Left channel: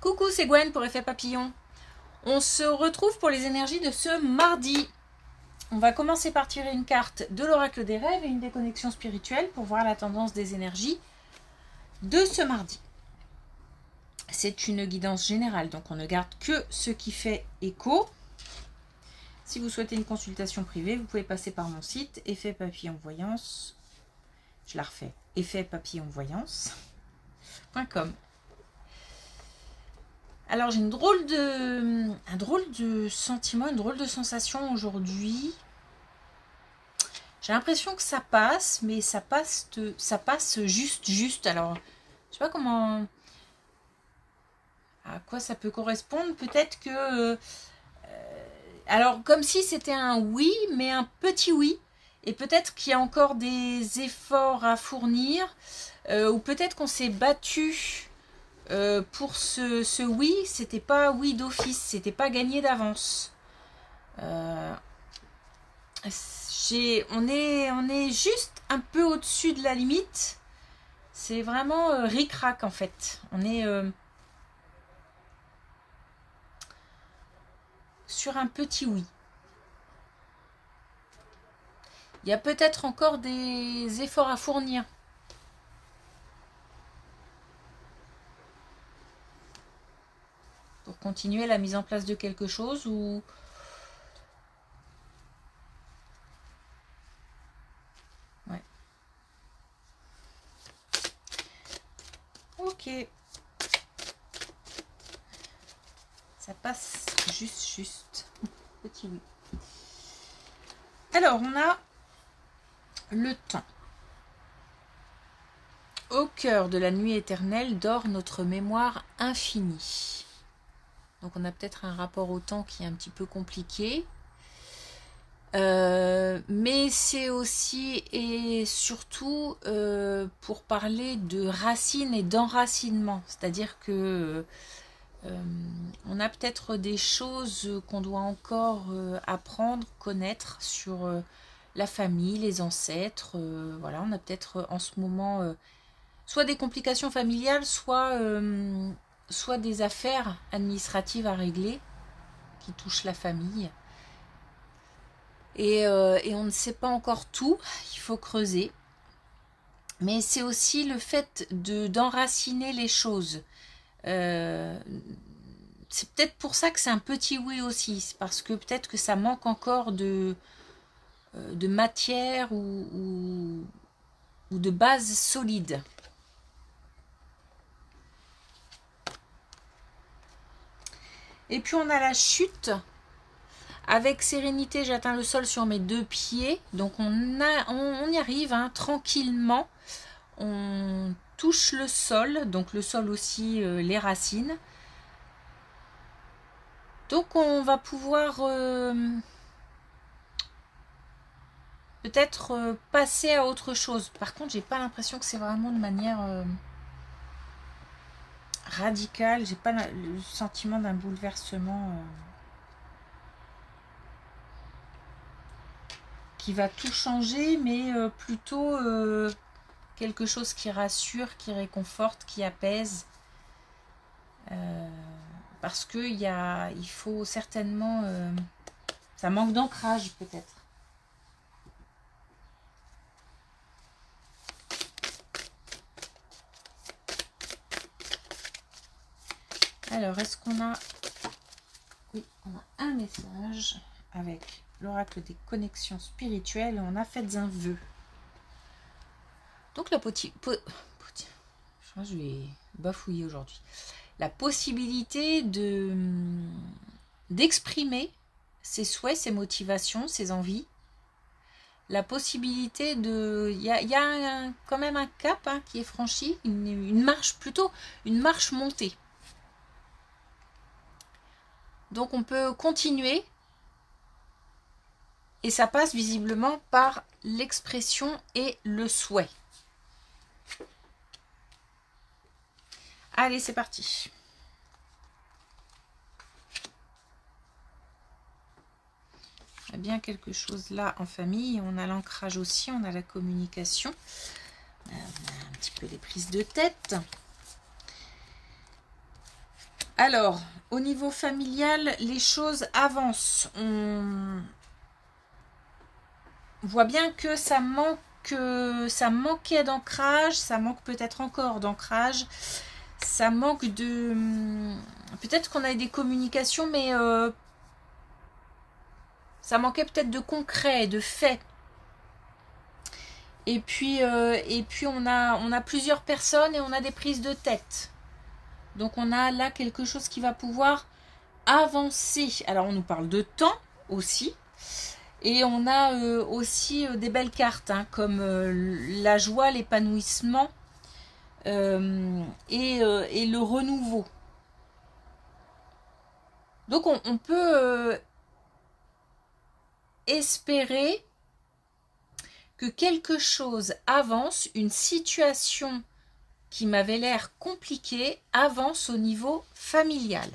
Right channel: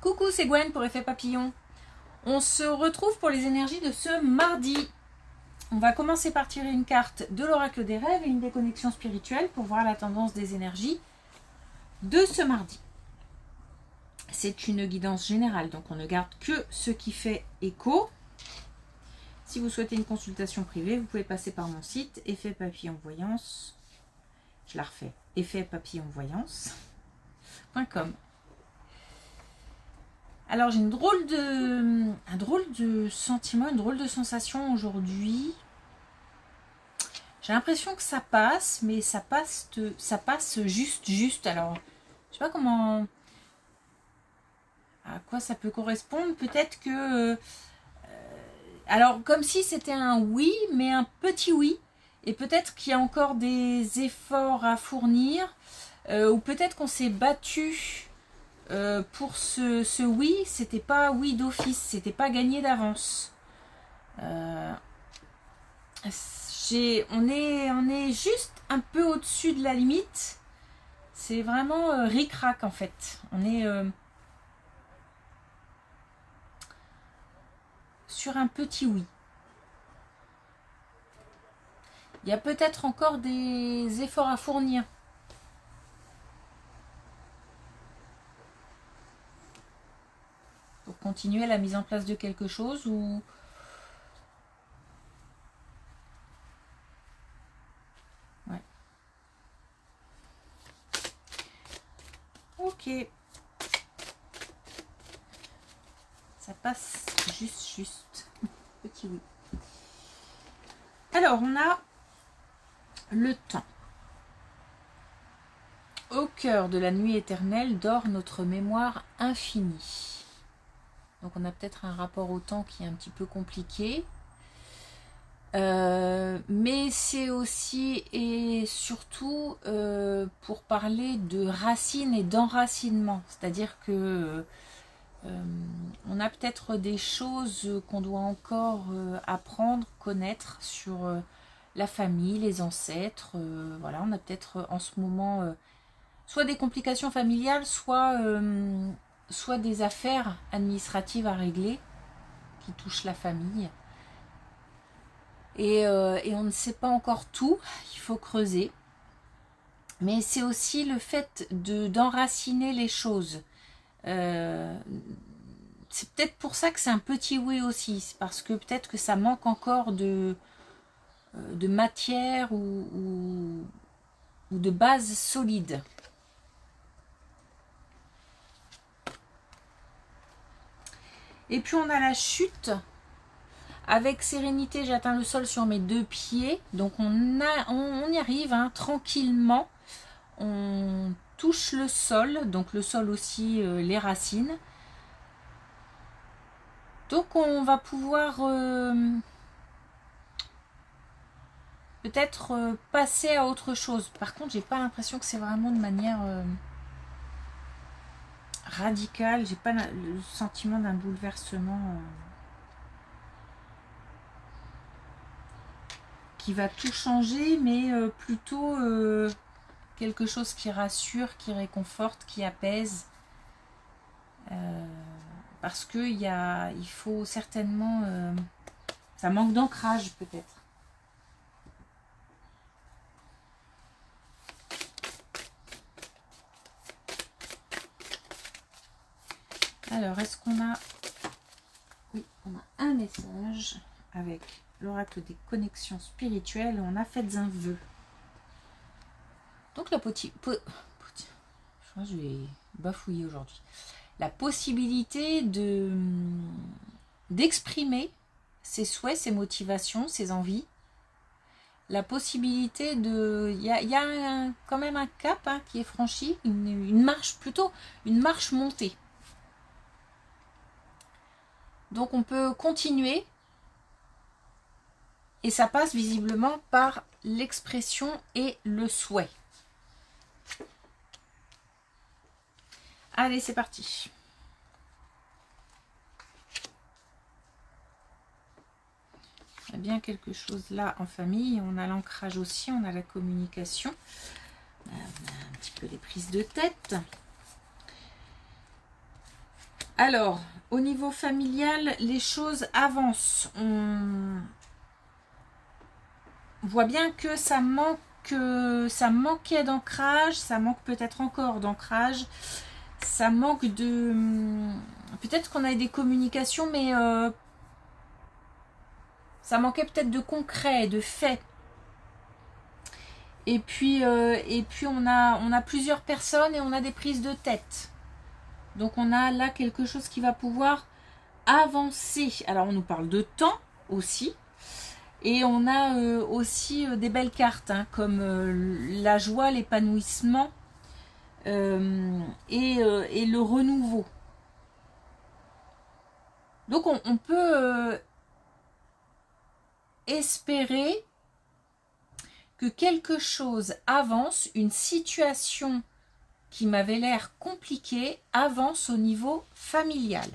Coucou, c'est Gwen pour Effet Papillon. On se retrouve pour les énergies de ce mardi. On va commencer par tirer une carte de l'oracle des rêves et une des connexions spirituelles pour voir la tendance des énergies de ce mardi. C'est une guidance générale, donc on ne garde que ce qui fait écho. Si vous souhaitez une consultation privée, vous pouvez passer par mon site Effet Papillon Voyance. Je la refais, effetpapillonvoyance.com. Alors j'ai un drôle de sentiment, une drôle de sensation aujourd'hui. J'ai l'impression que ça passe, mais ça passe juste. Alors, je sais pas comment, à quoi ça peut correspondre. Peut-être que, alors comme si c'était un oui, mais un petit oui. Et peut-être qu'il y a encore des efforts à fournir, ou peut-être qu'on s'est battu. Pour ce oui, c'était pas oui d'office, c'était pas gagné d'avance. On est juste un peu au-dessus de la limite. C'est vraiment ric-rac en fait. On est sur un petit oui. Il y a peut-être encore des efforts à fournir. Pour continuer la mise en place de quelque chose ou ouais. Ok, ça passe juste petit oui. Alors on a le temps. Au cœur de la nuit éternelle dort notre mémoire infinie. Donc on a peut-être un rapport au temps qui est un petit peu compliqué. Mais c'est aussi et surtout pour parler de racines et d'enracinement. C'est-à-dire que on a peut-être des choses qu'on doit encore apprendre, connaître sur la famille, les ancêtres. Voilà, on a peut-être en ce moment soit des complications familiales, soit des affaires administratives à régler qui touchent la famille. Et on ne sait pas encore tout, il faut creuser. Mais c'est aussi le fait d'enraciner les choses. C'est peut-être pour ça que c'est un petit oui aussi. C'est parce que peut-être que ça manque encore de matière ou de base solide. Et puis on a la chute. Avec sérénité, j'atteins le sol sur mes deux pieds. Donc on y arrive hein, tranquillement. On touche le sol. Donc le sol aussi, les racines. Donc on va pouvoir peut-être passer à autre chose. Par contre, j'ai pas l'impression que c'est vraiment de manière radicale. J'ai pas le sentiment d'un bouleversement qui va tout changer, mais plutôt quelque chose qui rassure, qui réconforte, qui apaise. Parce que il faut certainement... ça manque d'ancrage peut-être. Alors, est-ce qu'on a... Oui, on a un message avec l'oracle des connexions spirituelles. Et on a fait un vœu. Donc, je pense que je vais bafouiller aujourd'hui. La possibilité d'exprimer ses souhaits, ses motivations, ses envies. La possibilité de... Il y a quand même un cap hein, qui est franchi, une marche plutôt, une marche montée. Donc on peut continuer et ça passe visiblement par l'expression et le souhait. Allez, c'est parti. On a bien quelque chose là en famille. On a l'ancrage aussi, on a la communication. On a un petit peu les prises de tête. Alors, au niveau familial, les choses avancent. On voit bien que ça manquait d'ancrage, ça manque peut-être encore d'ancrage, ça manque de... Peut-être qu'on a des communications, mais ça manquait peut-être de concret, de fait. Et puis on a plusieurs personnes et on a des prises de tête. Donc on a là quelque chose qui va pouvoir avancer. Alors on nous parle de temps aussi. Et on a aussi des belles cartes, hein, comme la joie, l'épanouissement et le renouveau. Donc on peut espérer que quelque chose avance, une situation qui m'avait l'air compliquée avance au niveau familial.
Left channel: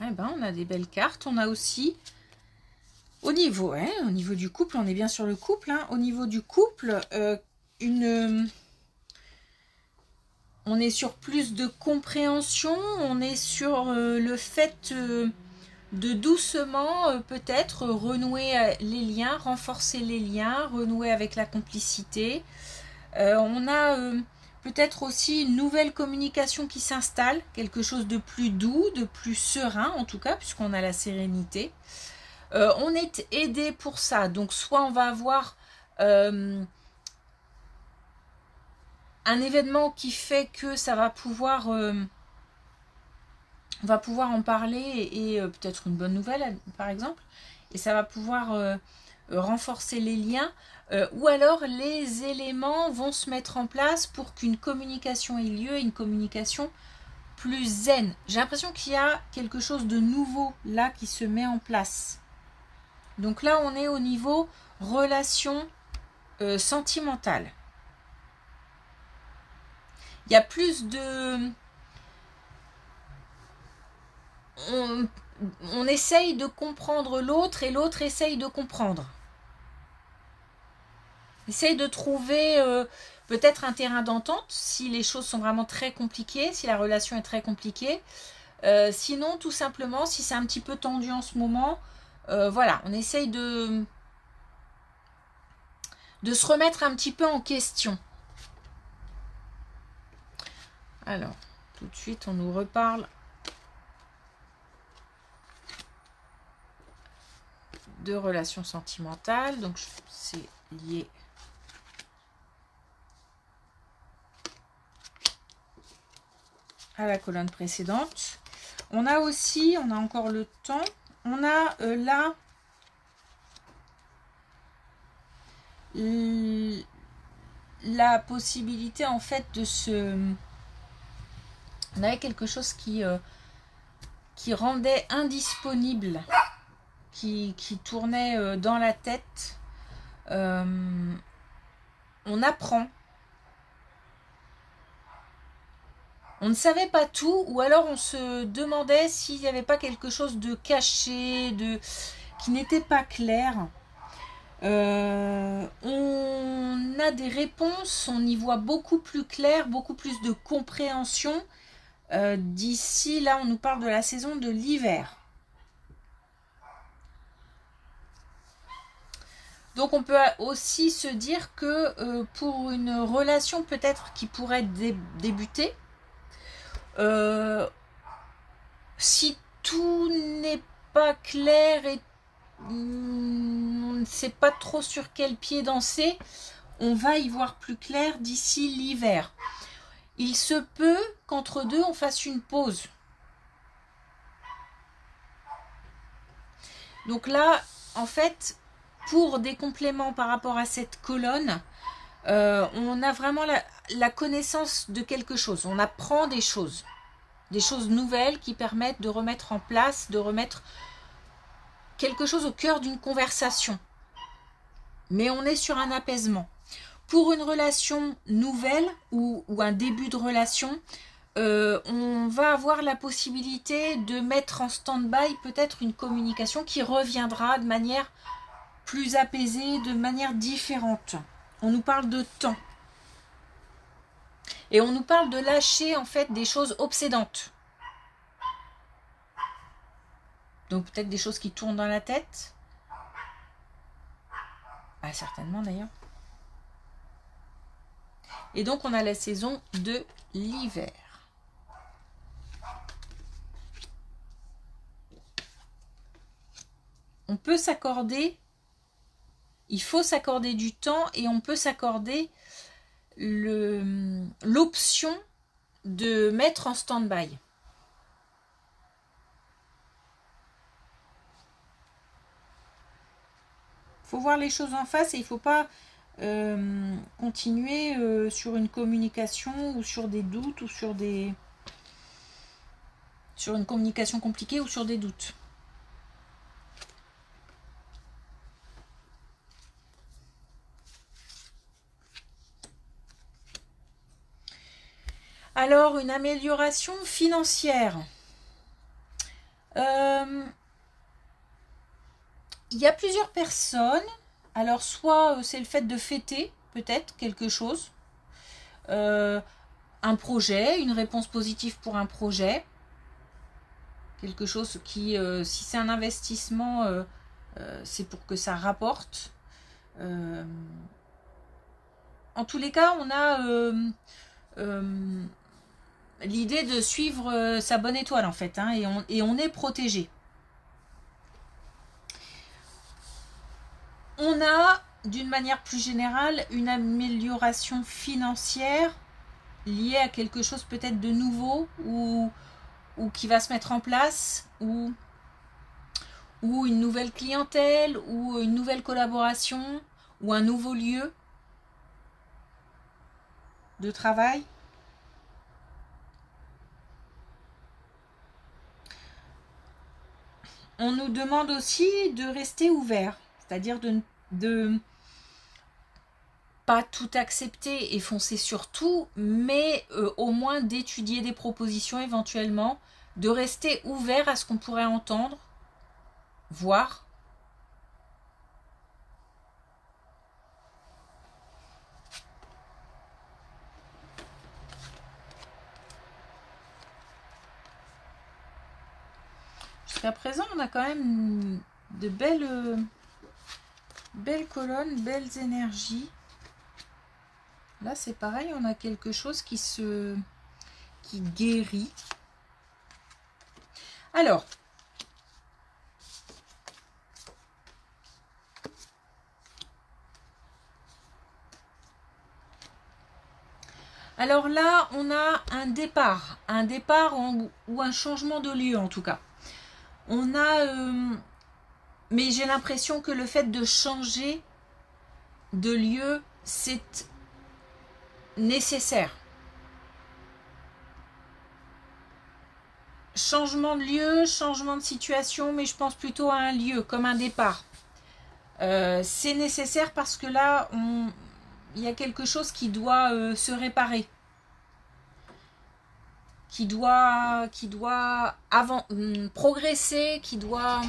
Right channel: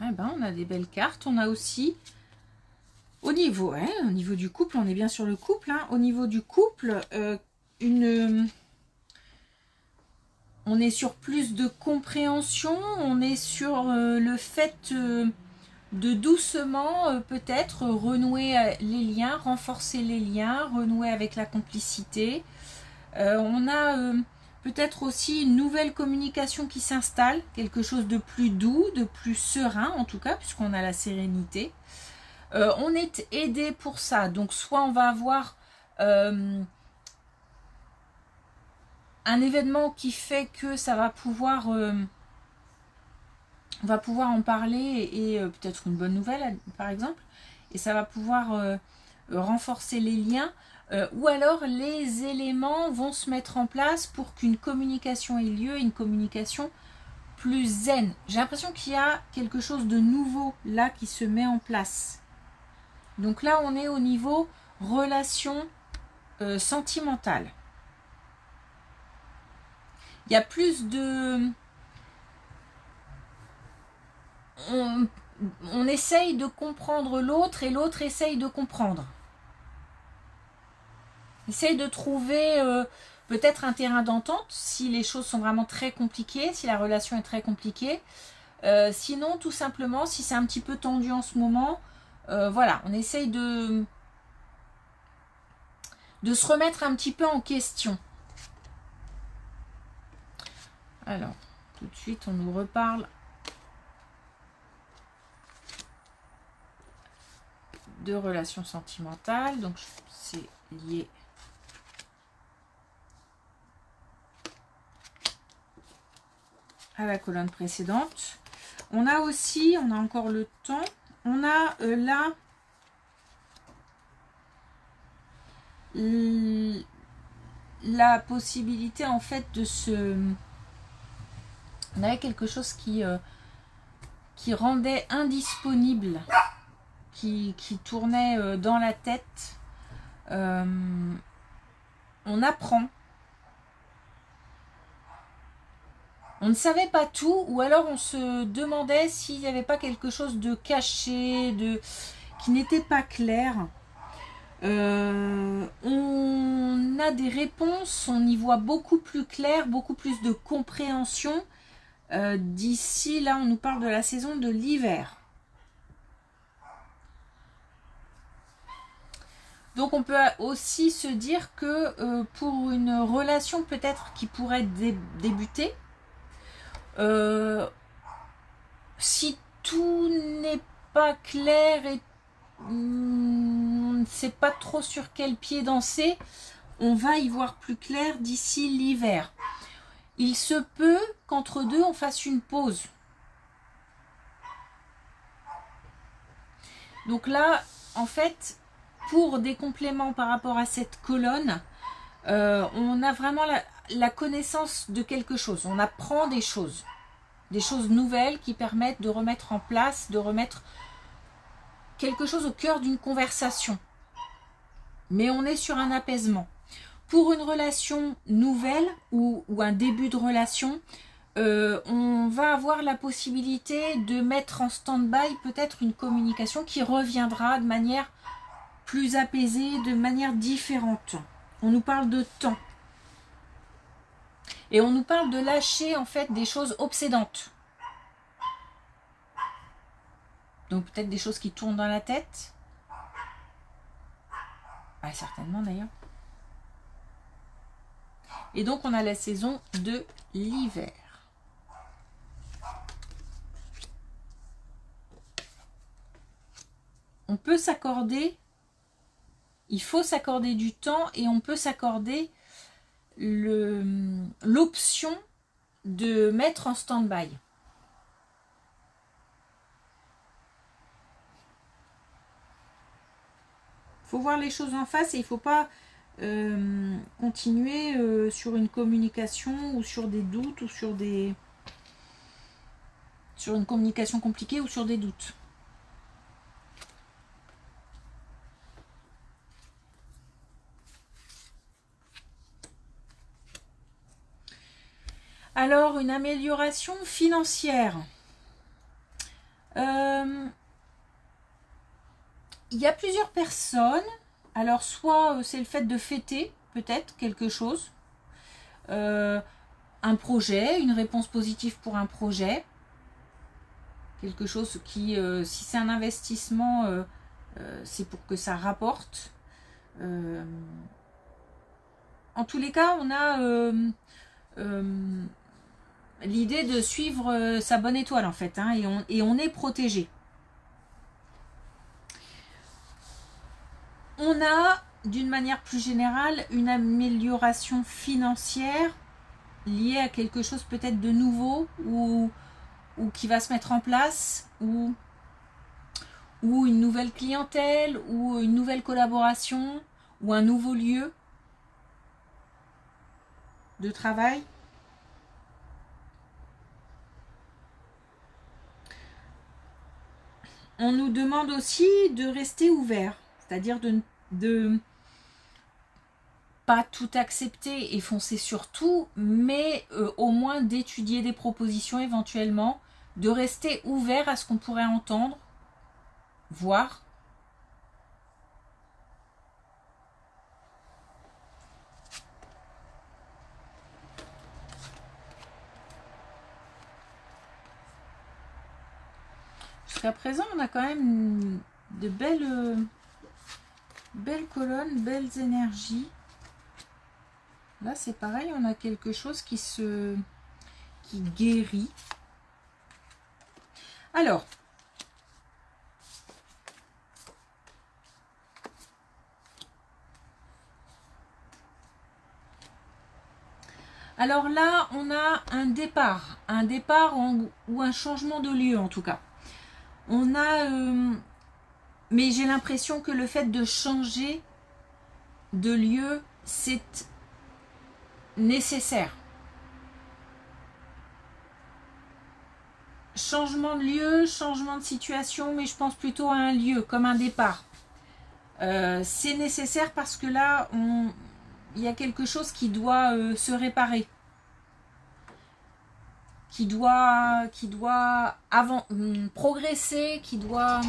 Eh ben, on a des belles cartes. On a aussi au niveau du couple, on est bien sur le couple. Hein, au niveau du couple, on est sur plus de compréhension. On est sur le fait de doucement peut-être renouer les liens, renforcer les liens, renouer avec la complicité. On a peut-être aussi une nouvelle communication qui s'installe, quelque chose de plus doux, de plus serein en tout cas, puisqu'on a la sérénité. On est aidé pour ça, donc soit on va avoir un événement qui fait que ça va pouvoir, on va pouvoir en parler et peut-être une bonne nouvelle par exemple, et ça va pouvoir renforcer les liens. Ou alors les éléments vont se mettre en place pour qu'une communication ait lieu, une communication plus zen. J'ai l'impression qu'il y a quelque chose de nouveau là qui se met en place. Donc là on est au niveau relation sentimentale. Il y a plus de... On essaye de comprendre l'autre et l'autre essaye de comprendre. Essaye de trouver peut-être un terrain d'entente si les choses sont vraiment très compliquées, si la relation est très compliquée. Sinon, tout simplement, si c'est un petit peu tendu en ce moment, voilà, on essaye de se remettre un petit peu en question. Alors, tout de suite, on nous reparle de relations sentimentales. Donc, c'est lié à la colonne précédente. On a aussi, on a encore le temps, on a là la possibilité en fait de se... On avait quelque chose qui rendait indisponible, qui tournait dans la tête. On apprend. On ne savait pas tout, ou alors on se demandait s'il n'y avait pas quelque chose de caché, qui n'était pas clair. On a des réponses, on y voit beaucoup plus clair, beaucoup plus de compréhension. D'ici, là, on nous parle de la saison de l'hiver. Donc, on peut aussi se dire que pour une relation peut-être qui pourrait débuter, si tout n'est pas clair et on ne sait pas trop sur quel pied danser, on va y voir plus clair d'ici l'hiver. Il se peut qu'entre deux, on fasse une pause. Donc là, en fait, pour des compléments par rapport à cette colonne, on a vraiment la connaissance de quelque chose. On apprend des choses nouvelles qui permettent de remettre en place, de remettre quelque chose au cœur d'une conversation. Mais on est sur un apaisement. Pour une relation nouvelle ou un début de relation, on va avoir la possibilité de mettre en stand-by peut-être une communication qui reviendra de manière plus apaisée, de manière différente. On nous parle de temps. Et on nous parle de lâcher en fait des choses obsédantes. Donc peut-être des choses qui tournent dans la tête. Ah, certainement d'ailleurs. Et donc on a la saison de l'hiver. On peut s'accorder, il faut s'accorder du temps et on peut s'accorder l'option de mettre en stand-by. Il faut voir les choses en face et il ne faut pas continuer sur une communication ou sur des doutes ou sur une communication compliquée ou sur des doutes. Alors, une amélioration financière. Il y a plusieurs personnes. Alors, soit c'est le fait de fêter, peut-être, quelque chose. Un projet, une réponse positive pour un projet. Quelque chose qui, si c'est un investissement, c'est pour que ça rapporte. En tous les cas, on a l'idée de suivre sa bonne étoile, en fait, hein, et on est protégé. On a, d'une manière plus générale, une amélioration financière liée à quelque chose peut-être de nouveau ou qui va se mettre en place, ou une nouvelle clientèle, ou une nouvelle collaboration, ou un nouveau lieu de travail. On nous demande aussi de rester ouvert, c'est-à-dire de pas tout accepter et foncer sur tout, mais au moins d'étudier des propositions éventuellement, de rester ouvert à ce qu'on pourrait entendre, voir. Jusqu'à présent, on a quand même de belles colonnes, belles énergies. Là, c'est pareil, on a quelque chose qui guérit. Alors, là, on a un départ ou un changement de lieu en tout cas. On a, mais j'ai l'impression que le fait de changer de lieu, c'est nécessaire. Changement de lieu, changement de situation, mais je pense plutôt à un lieu, comme un départ. C'est nécessaire parce que là, il y a quelque chose qui doit se réparer. Qui doit progresser, qui doit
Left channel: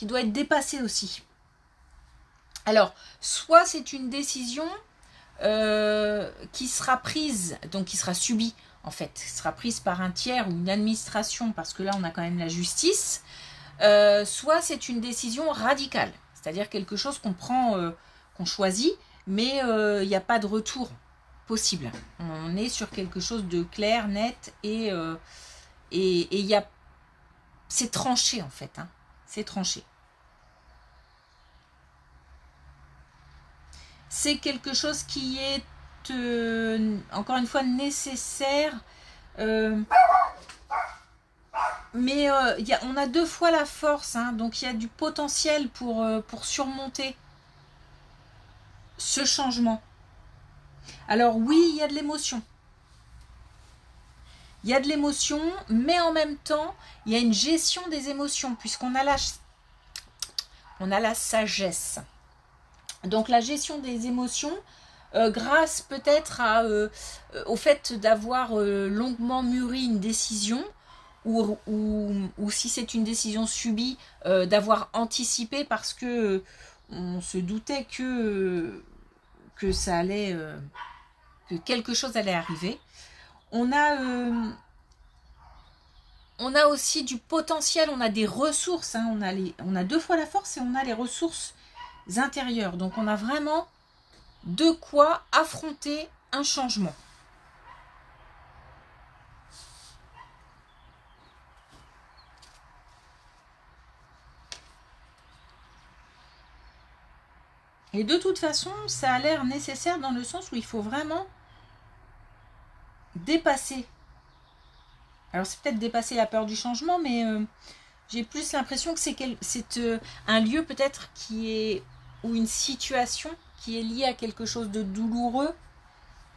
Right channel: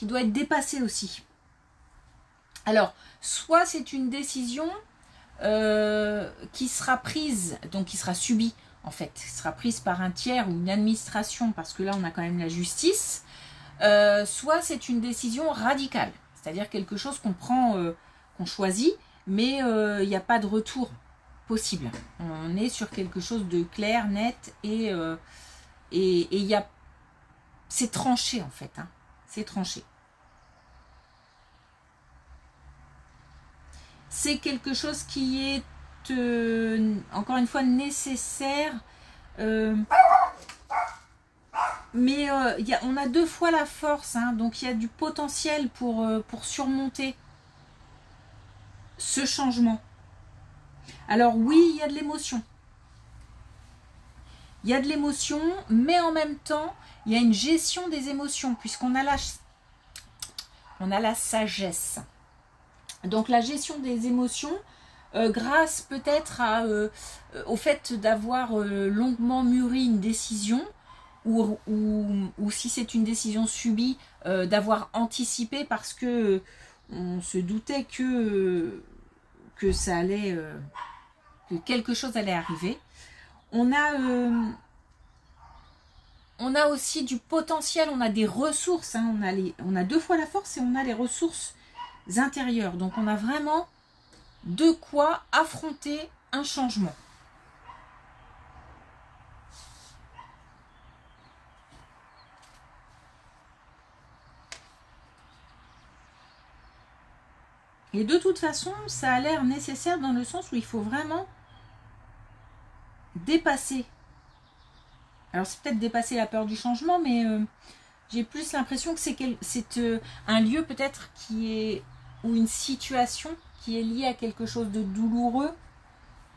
être dépassé aussi. Alors, soit c'est une décision qui sera prise, donc qui sera subie en fait, qui sera prise par un tiers ou une administration, parce que là on a quand même la justice, soit c'est une décision radicale, c'est-à-dire quelque chose qu'on prend, qu'on choisit, mais il n'y a pas de retour possible. On est sur quelque chose de clair, net, et c'est tranché en fait, hein. C'est tranché. C'est quelque chose qui est encore une fois nécessaire, mais on a deux fois la force, hein, donc il y a du potentiel pour surmonter ce changement. Alors oui, il y a de l'émotion. Il y a de l'émotion, mais en même temps, il y a une gestion des émotions, puisqu'on a la sagesse. Donc la gestion des émotions, grâce peut-être au fait d'avoir longuement mûri une décision, ou si c'est une décision subie, d'avoir anticipé parce que on se doutait que ça allait, que quelque chose allait arriver. On a aussi du potentiel, on a des ressources, hein, on a 2 fois la force et on a les ressources intérieures. Donc on a vraiment de quoi affronter un changement. Et de toute façon, ça a l'air nécessaire dans le sens où il faut vraiment dépasser. Alors c'est peut-être dépasser la peur du changement, mais j'ai plus l'impression que c'est un lieu peut-être ou une situation qui est liée à quelque chose de douloureux.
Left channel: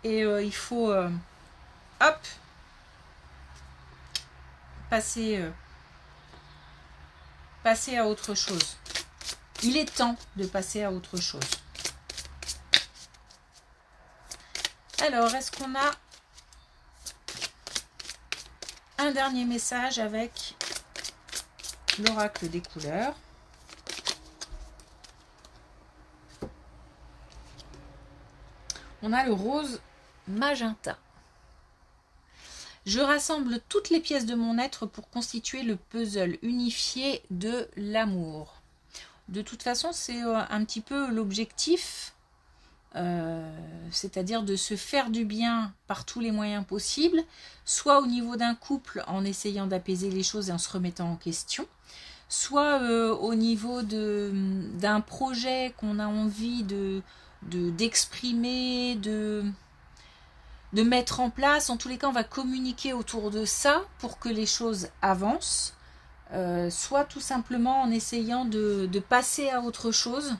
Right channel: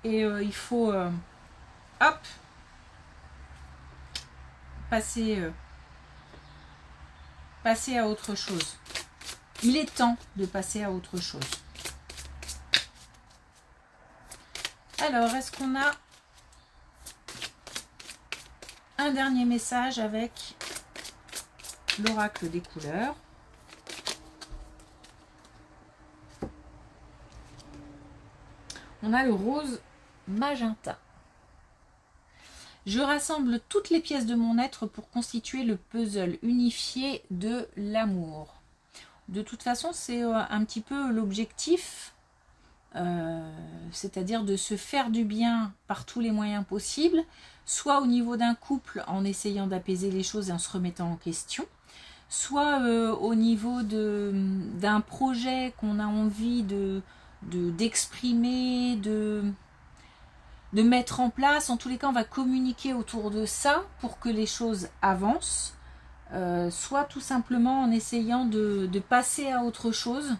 Et il faut hop, passer à autre chose. Il est temps de passer à autre chose. Alors, est-ce qu'on a un dernier message avec l'oracle des couleurs? On a le rose magenta. Je rassemble toutes les pièces de mon être pour constituer le puzzle unifié de l'amour. De toute façon, c'est un petit peu l'objectif, c'est-à-dire de se faire du bien par tous les moyens possibles, soit au niveau d'un couple en essayant d'apaiser les choses et en se remettant en question, soit au niveau d'un projet qu'on a envie d'exprimer, de mettre en place. En tous les cas, on va communiquer autour de ça pour que les choses avancent. Soit tout simplement en essayant de passer à autre chose,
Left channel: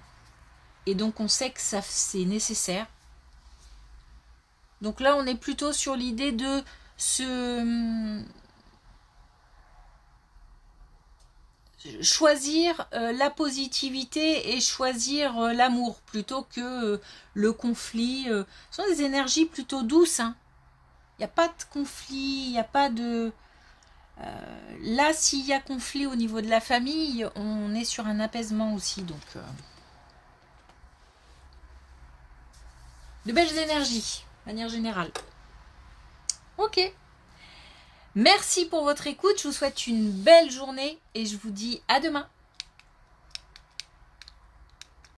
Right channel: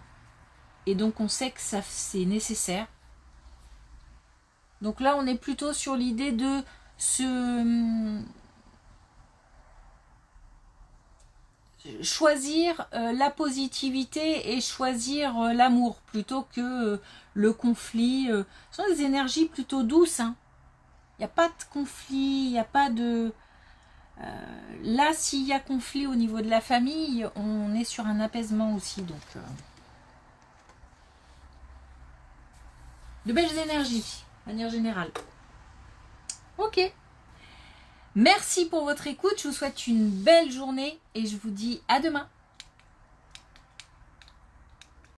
et donc on sait que ça c'est nécessaire. Donc là on est plutôt sur l'idée de choisir la positivité et choisir l'amour plutôt que le conflit. Ce sont des énergies plutôt douces, hein. Il n'y a pas de conflit, il n'y a pas de... là, s'il y a conflit au niveau de la famille, on est sur un apaisement aussi. Donc, de belles énergies, de manière générale. Ok. Merci pour votre écoute. Je vous souhaite une belle journée et je vous dis à demain.